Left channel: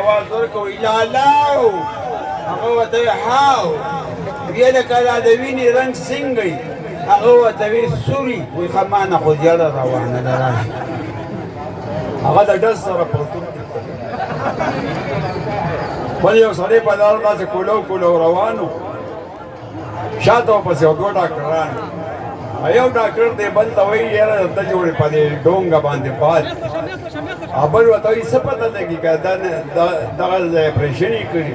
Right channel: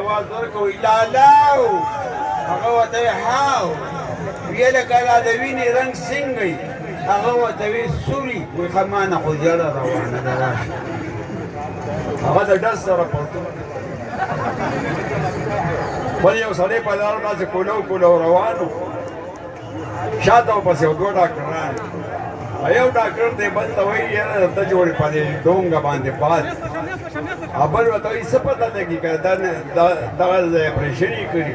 آواز ورکوي لالاو هغه ورته وي هاو ویې لکه دا د وینې رنګ څنګه وي هغه ورته وي سوري وایي ښه ما نه خو زیړه روانه ده راشه هغه د ډز سره پرتون بل یو سړی په لاره داسې کولو کولو روان و شاته ورپسې یو دوه ډاکټران یو ډاکټر دی بل ته وایي یاره درته جوړې په دې ډونګه باندې پات او بل ورته وایي څه پته لګي که دغه ځای اپرېشن یې کړي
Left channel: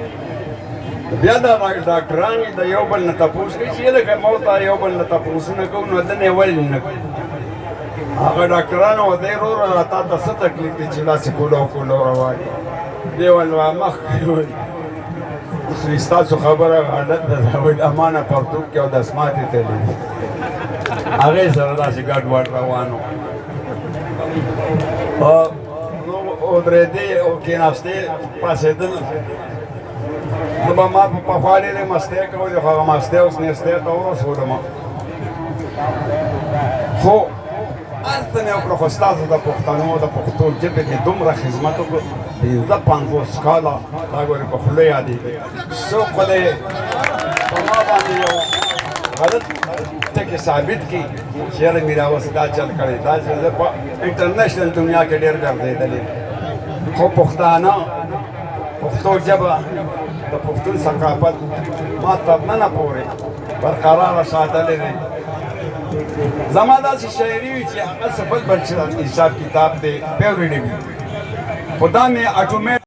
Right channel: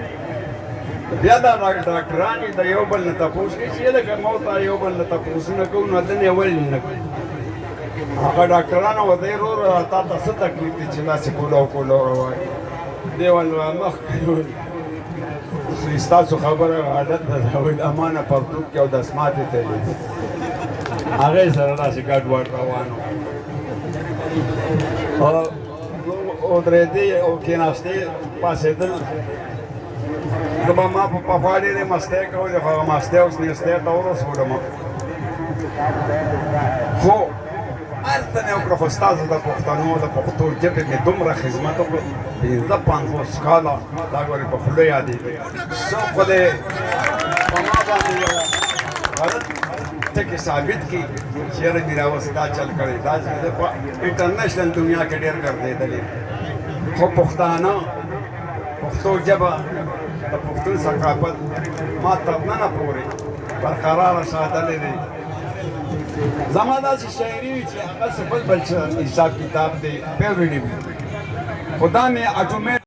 بیا دا ډاکټران د یو بل نه تپوس کوي چې لکه ما ورته یو بل نه تپوسونه کوو نو دنې ولې نه کوي هغه ډاکټرانو ورته یې وروره را تا ته څه تکلیف دی چې داسې کولو کولو روان دی ویل مخکې ویل ستاسو خبره عادت ده وایي د ما نه پرتوګ کې او دسماتې تلي هغې سره داسې ګډوډ روان و ودرېدې او کېناستې پاڅېدل زه به ما په پخوا ډېرې مستۍ کولې خو هغه مستۍ اوس نېستۍ ته ورسولم خو هلته مې وکړه خو ستاسو د پښتنو د پښتو ژبې کې دومره خدمت وکړو پنځه پنځوس کاله دا ګورې په خوله یادېږي څوک خو دې په ما باندې یو غلط ټکي ثابت کړي چې یاره میرا اوس دا چل کړی دا زه په انټرنیشنل دنیا کې ډېر ګرځېدلی خو پښتانه پښتو ژبه د پښتون ثقافت ما تر ننه پورې برقراره ساتلی دی زما داسې شاعري وي چې هغه څه بل حساب کتاب دی پیورډي وي خو دا مې اټومیټ